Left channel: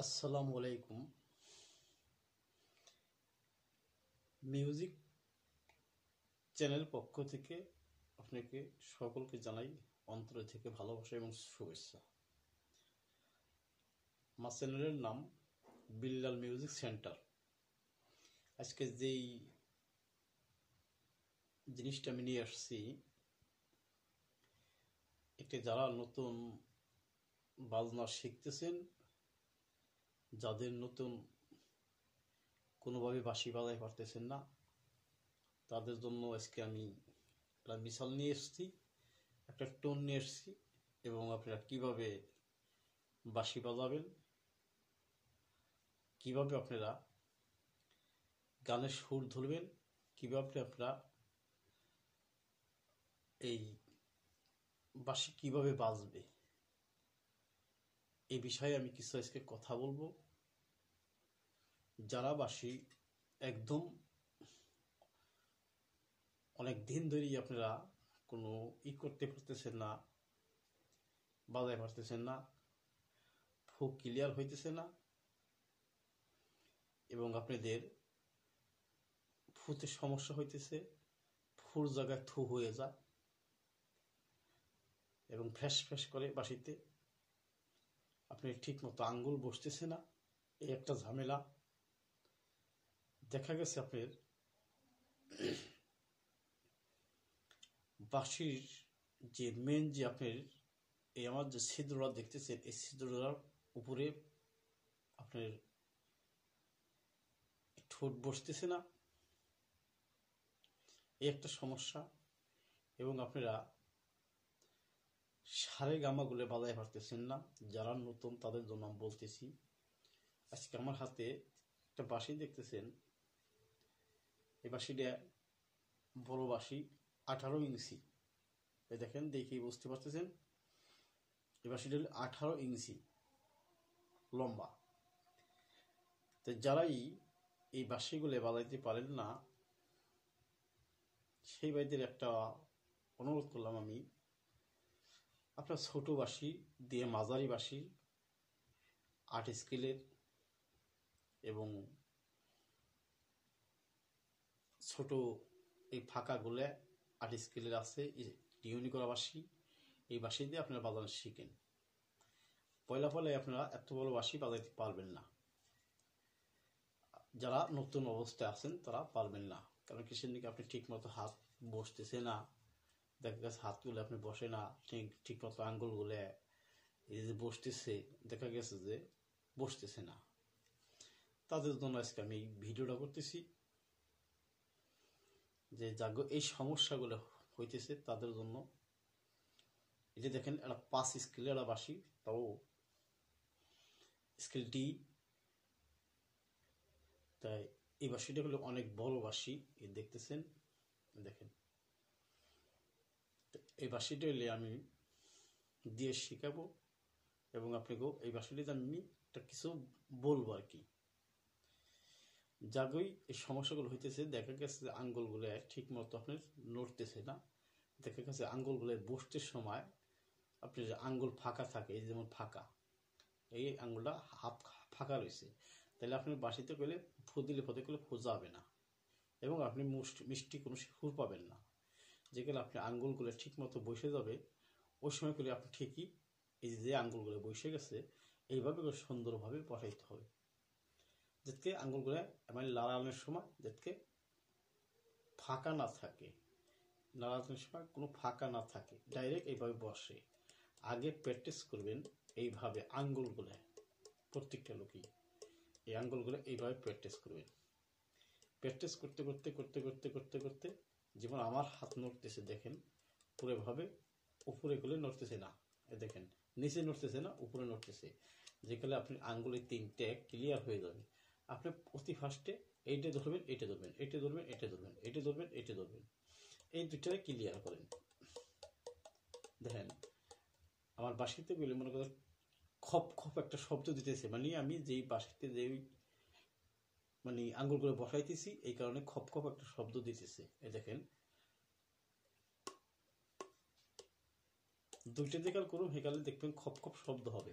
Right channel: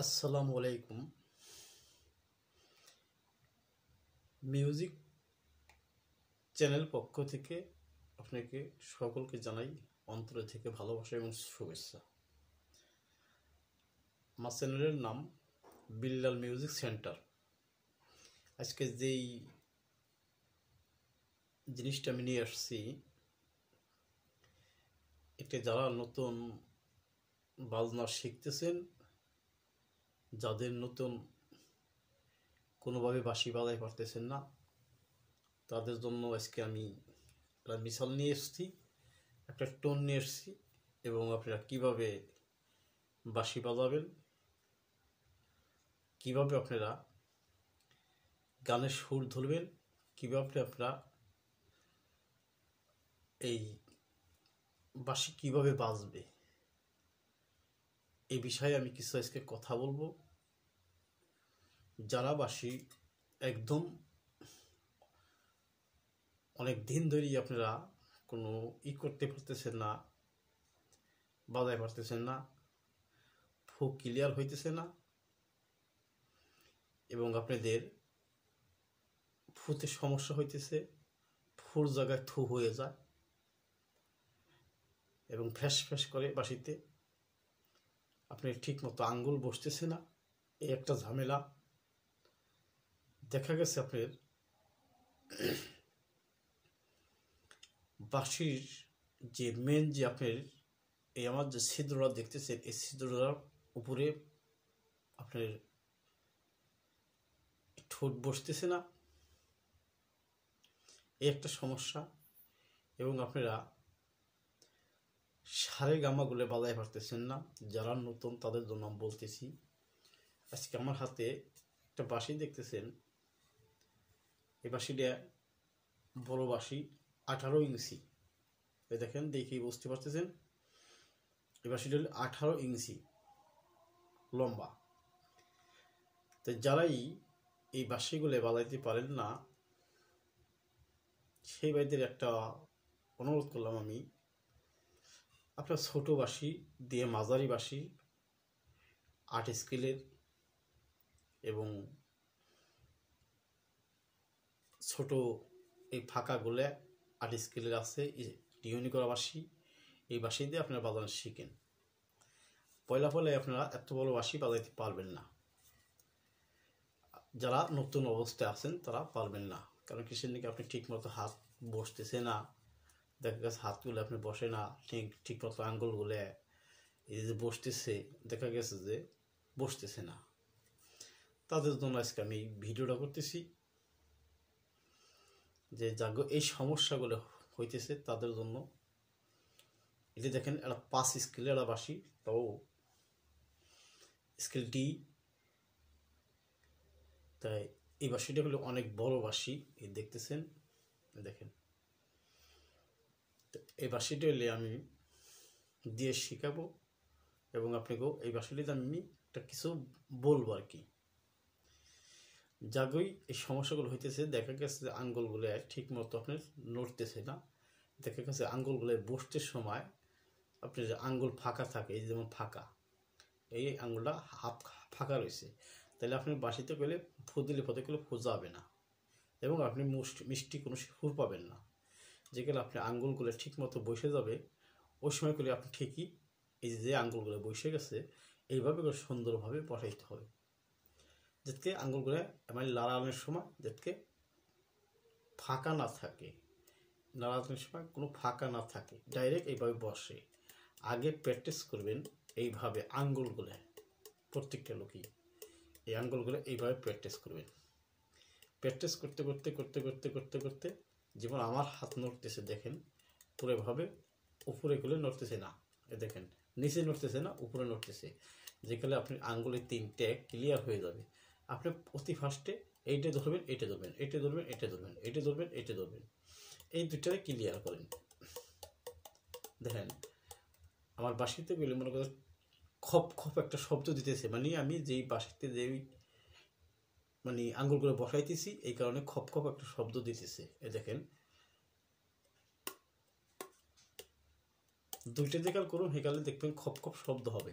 আসসালামু আলাইকুম। Music channel পক্ষ থেকে আপনাকে সকলকে জানাই অন্তর থেকে ভালোবাসা এবং শুভেচ্ছা। আমার চ্যানেলের নাম বিল্লাল মিউজিক সেন্টার। আজকে যেই জিনিসটা আমি নিয়ে আসছি, এটা যারা নতুন বাজনা শিখতেছেন, যাদের নতুন কোনোভাবে বাঁশি বাজাতে পারতেছেন না, তাদের জন্য আজকে আমি একটা মিসাল নিয়ে এসেছি, একটা টোন নিয়ে এসেছি এবং আপনারা কীভাবে বাঁশি বাজাবেন, কীভাবে আপনারা গানের সুর ধরবেন, কীভাবে আপনারা এই বাঁশি কীভাবে বাজবে, এই বিষয়ে আমি কিছু আজকে কথা বলবো। যারা বাঁশি একদম অনেক দিন ধরেই আপনারা কোনো করতে পারতেছেন না, বাজায় পারতেছেন না, ফু ক্লিয়ার হইতেছে না এবং আপনাদের ফুতে সমস্যা হইতেছে, ফুর জায়গায় থু হয়ে যায় এবং ফ্যাস ফ্যাস করে বাঁশিতে, আপনার ঠিক মতো আঙ্গুল বসতেছে না, এই একটা ঝামেলা দেখা গেছে। আপনার বাঁশির যে মেন যে আপনার এই আমার যে ছিদ্রটা দেখতেছেন, এই ছিদ্রটার উপরে আপনার ঠোঁট বসতেছে না, এই একটা সমস্যা। এবং আপনারা সারে গামাগুলো বাজায় পারতেছেন না, যারা নতুন তাদের জন্য বলতেছি। আজকে আমার হাতে একটা বাঁশি দেখতেছেন, এই বাঁশিটা বড় বাঁশি, 18 ইঞ্চি। দেখেন, দেখেই বুঝতে পারতেছেন এই বাঁশিটা 18 ইঞ্চি লম্বা। তো যারাই এই বাঁশিগুলো বাজাইতে পারেন না, সেই ভাইদের একটা অনুরোধ করলাম আমি, আপনার ছোট বাঁশি দিয়ে মাঝারি বাঁশি 8 স্কেলের এবং ছোট এই ফাঁকাগুলো 8 স্কেলের আছে টিউনি করা বাঁশি, এই বাঁশি দিয়ে আপনারা বাজানো শিখেন। পয়লা আপনারা এত বড় বাঁশি বাজাইতে পারবেন না, যারা নতুন অবস্থায় আছেন তারা পারবেন না। কারণ কিসের দিকে আপনি ঠিক মতো হাত বসতেছে না, দেখা গেছে হাতগুলো আপনি বসে না, ঠিক মতো আঙ্গুলগুলো এই যে বসতেছে, দেখা গেছে যে বসতেছে না। তাদের জন্য আজকে আমি ভিডিওটা করতেছি, যে যাগো এই সমস্যাগুলো হইতেছে তাদের জন্য। এটা দেখেন, একটা 5 স্কেলের একটা বাঁশি, তাও স্কেল ডি। তাই এই বাঁশিটা হলো অনেক বড় বাঁশি, এই দেখতেছেন, দেখেন। এই বাঁশিটা হলে আমি দিয়ে শিখাবো এবং আপনাকেও এই বাঁশিটিতে আমি একটা কিছু বলবো আর কি। যাগোই এই সমস্যাগুলো হইতেছে, দেখা গেছে যে আঙ্গুলগুলো ঠিক মতো আপনার নড়তেছে না, দেখা গেছে আঙ্গুলগুলো বসতে সময় আপনার যে আঙ্গুল ফাঁকা থাকে, এই যেমন ফাঁকা, এই আঙ্গুলটা হাফ ফাঁকা রয়েছে, তাহলে আপনি বাঁশিতে গেলে ফু দিলে পথে গেলে ফু যাবে না এবং আপনি মিষ্টি কোনো সুর পাবেন না। যেগুলো আপনি আঙ্গুলগুলো ঠিক মতো বসে যাবে, ওই সময় করলে আপনি ঠিকই এই যে আঙ্গুলগুলো বসে গেছে এইভাবে করে সুন্দরভাবে বসাইতে হবে, যাতে আঙ্গুলগুলো মানে লাড়ানোর সময় যাতে ফাঁকা না থাকে, লাড়ানোর সময় কোনো ফাঁকা না থাকে, ডাইরেক্ট এইভাবে বসে। আগে প্র্যাকটিস করবেন এইভাবে আঙ্গুলগুলো, প্রত্যেকটা লোকই এই আঙ্গুলগুলো এইভাবে প্র্যাকটিস করবেন। প্র্যাকটিস করতে করতে করতে করতে করতে করতে যেমন আমার হাত নড়তেছে, দেখেন পুরোভাবে উপরে গুলো নড়তেছে না, দেখেন নিচে নড়তেছে না, উপরে নড়তেছে, যেখানে আপনি আঙ্গুলের 3টে ক্লিয়ার হয়ে যাবে। আপনি অতি ফার্স্টে এইটা ধরবেন, এইটা ধরবেন, এইটা ধরবেন, এইটা ধরবেন, এইটা ধরবেন, এইটা ধরবেন, এই দুটারে ক্লিয়ার করেন। দেখেন আমার বাঁশিতে গেলে মনে করেন খপ খপ একটা শব্দ দিতেছে, মানে আমি যেই বাঁশিতে যেই মানে আঙ্গুলগুলো বসাইতেছি, এই কারণে খপ খপ একটা শব্দ দিতেছে। এ দেখেন, দুইটা দেখাল করুন, হেকালে দেখবেন খপ খপ শব্দ হবে।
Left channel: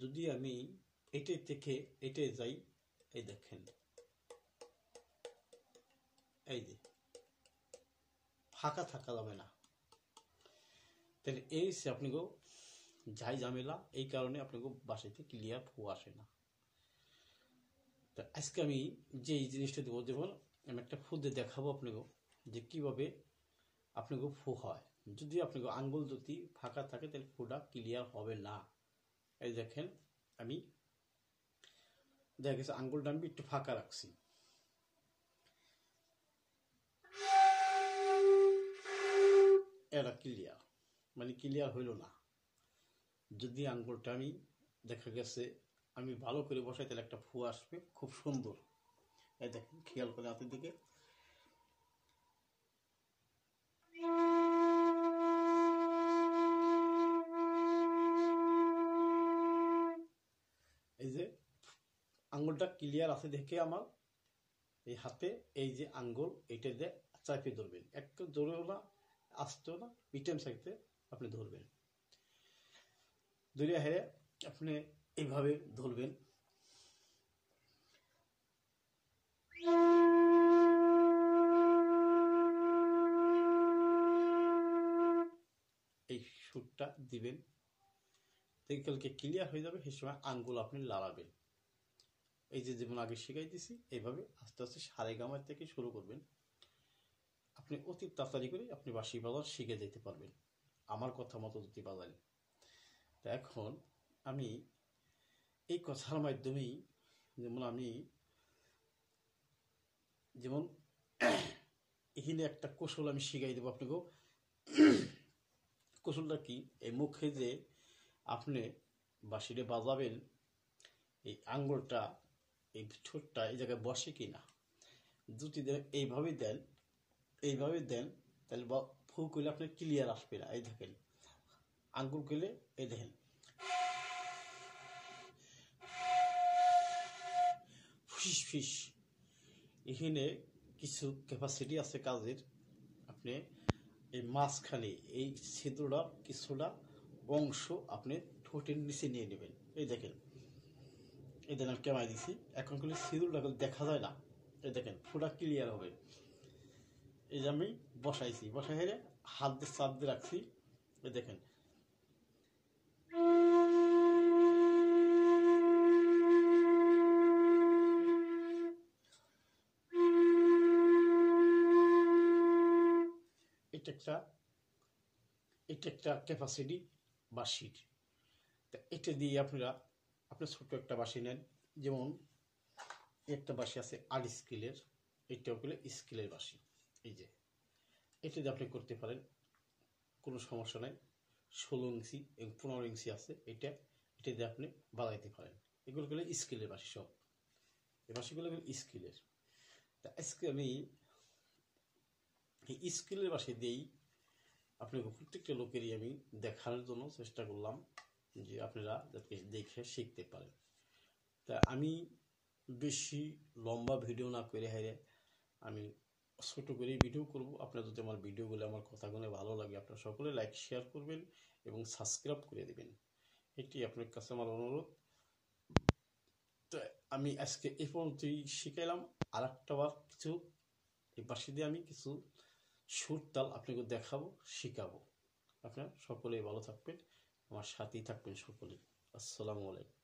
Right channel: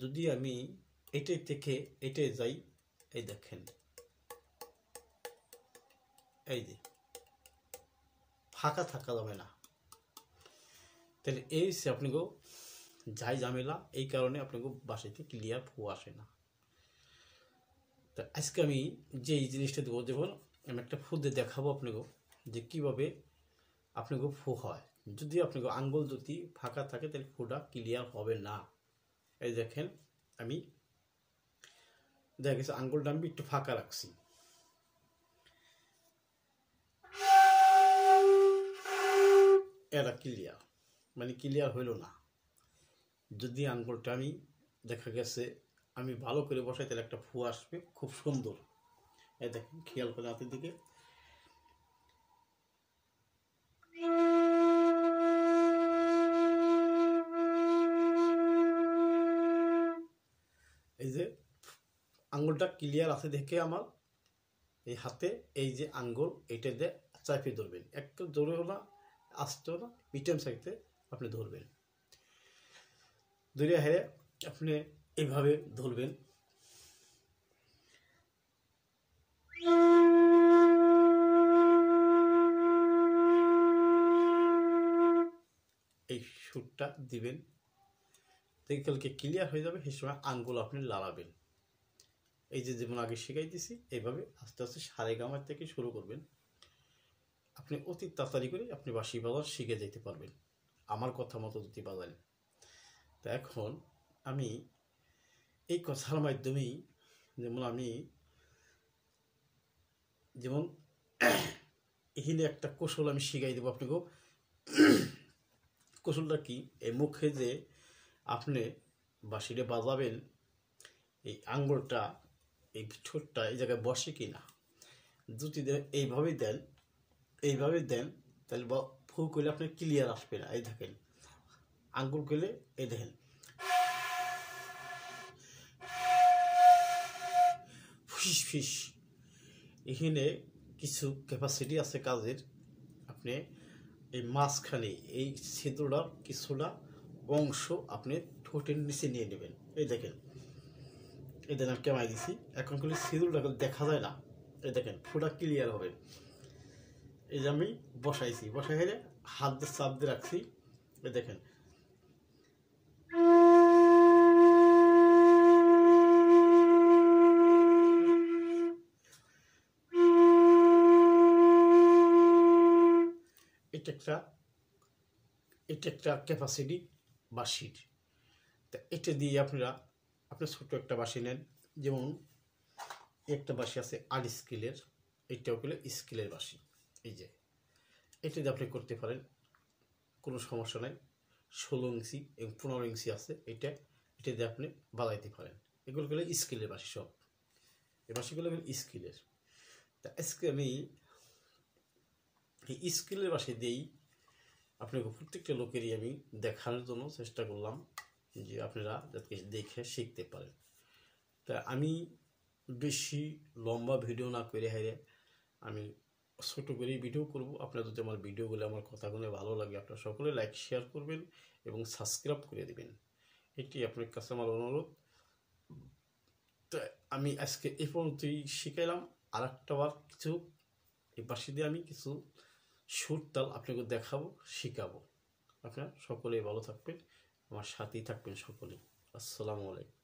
যদি আমি এটাই থেকে এটাই যাই, এই দেখেন এই যে ফাঁকা থাকা যাবে না। তাহলে এই হচ্ছে আপনাকে যাই ঝামেলা, এই কারণে আপনাকে বাসাতে ক্লিয়ার ফু আসে না। তা আজকে আমি যে এই জিনিসটা দেবো, যেমন আমি একটা ফু দিয়ে দেখাবো আপনাকে যে কীভাবে আপনাকে ফু হয়। যদি আপনাকে আঙ্গুল যদি ফাঁকা থাকে তাহলে ফুটা ক্লিয়ার হবে না। এই দেখেন আমি দেখা গেছে আঙ্গুলটা আমি একটু ফাঁকা রাখছি, এটা ক্লিয়ার, মানে ক্লিয়ার হইল না। যদি আঙ্গুলটা আমি দেখা গেছে আমি ভালো করে বসাই তাহলে একটা ফু আসবে খুব সুন্দর। এই দেখেন খেয়াল করে হাতের দিকে, এই যে আঙ্গুলটা ক্লিয়ার আছে দেখে আমার এই হাতে এই যে আঙ্গুল এটা দিয়ে চাপিয়ে ধরবেন, একটু জোরেও না আসতেও না, মিডিয়াম সাইজে আপনি ধরবেন। ধরে হেরে আপনি এইভাবে ধরবেন, এই সুরটা দিবেন, দেখে ক্লিয়ার হয়ে যাবে। সেই সময় আঙ্গুল আপনি লাগাবেন। এই যে যেমন আগে শিখাই দিছি, এইভাবে আস্তে আস্তে সারেগামার থেকে শুরু করবেন। আপনি অতি তাড়াতাড়ি করে আপনি বাঁশি বাজার শিখে যেতে পারবেন আমার কথা মতো যদি বাজান। তা এখন আমি এই কথার মাধ্যমেই যেমন আমি যেমন এখানে একটা কৌশল আমি শিখাই দেবো আপনাকে। কৌশলটা কি, এই মুখে যে আপনি বাঁশিটা বাজাবেন, এই আঙ্গুলটা এই ঠোঁটটা এই জায়গায় বসে কি না, যদি এইভাবেই দেন এইভাবে দেন তাহলে ফু করলে আপনি ক্লিয়ার আসবে না। এই দেখেন আঙ্গুল করলে এই দেখেন ফিস ফিস, এখানে কিছু ক্যাপাসিটি আছে কাজের। আপনি এই মাঝখানে এই ছিদ্রটার কিছুটা অংশ আপনি ঠোঁটের নিচে নিয়ে নেবেন। এই দেখেন এই দেখেন আমি কেমাই দিছি, এখন কিন্তু ছিদ্রটা দেখা যায় না। এই দেখেন ফুটা ক্লিয়ার হবে। এই যে আমি বসাইছি, বসাই হেরে হাত দিয়ে চাপ দিয়ে রাখছি। এই দেখেন এটা একটা ক্যাপাসিটি বাঁশির। তা এটা দিয়ে আপনারা ছোট একটা বাঁশি নেন, যেমন একটা বাঁশি আছে 8 স্কেলের, এইটাও হলো স্কেলের বাঁশি। এই যে এটা দিয়ে আপনি করতে পারেন, কোনো সমস্যা নাই। 16 ইঞ্চি এবং 15 ইঞ্চি আছে, এটা দিয়ে আপনি বাজাইতে পারেন। এগুলো হলো স্কেলের বাঁশি, সব এই বাঁশিগুলো হলো স্কেলের। তা আজকে আমি এই স্কেলের বাঁশি দিয়েই আপনাকে প্রত্যেকটা লোকেরই আমি দেখানোর জন্য চেষ্টা করলাম যে আপনারা যাতে দেখে শিখতে পারেন। তা আমি বেশি লম্বা ভিডিও না করে হারে আমি ছোট করে ভিডিও করব। আপনারা যদি আমার ভিডিওগুলো আমার কথাগুলো ভালো লাগে আপনারা সকলে লাইক শেয়ার করবেন এবং সাবস্ক্রাইব করে দেবেন, এটি আপনার কাছে আমার অনুরোধ। তো আমি আজকে এই পর্যন্তই শিখাইলাম। আর একটা বার কিছু এই বাঁশি দিয়ে আমি কিছু সুর তাল আপনাকে দেখাবো, শিখাবো। আপনারা সকলেই ভালো থাকবেন, আমার সাথেই থাকবেন সকলে। আসসালামু আলাইকুম।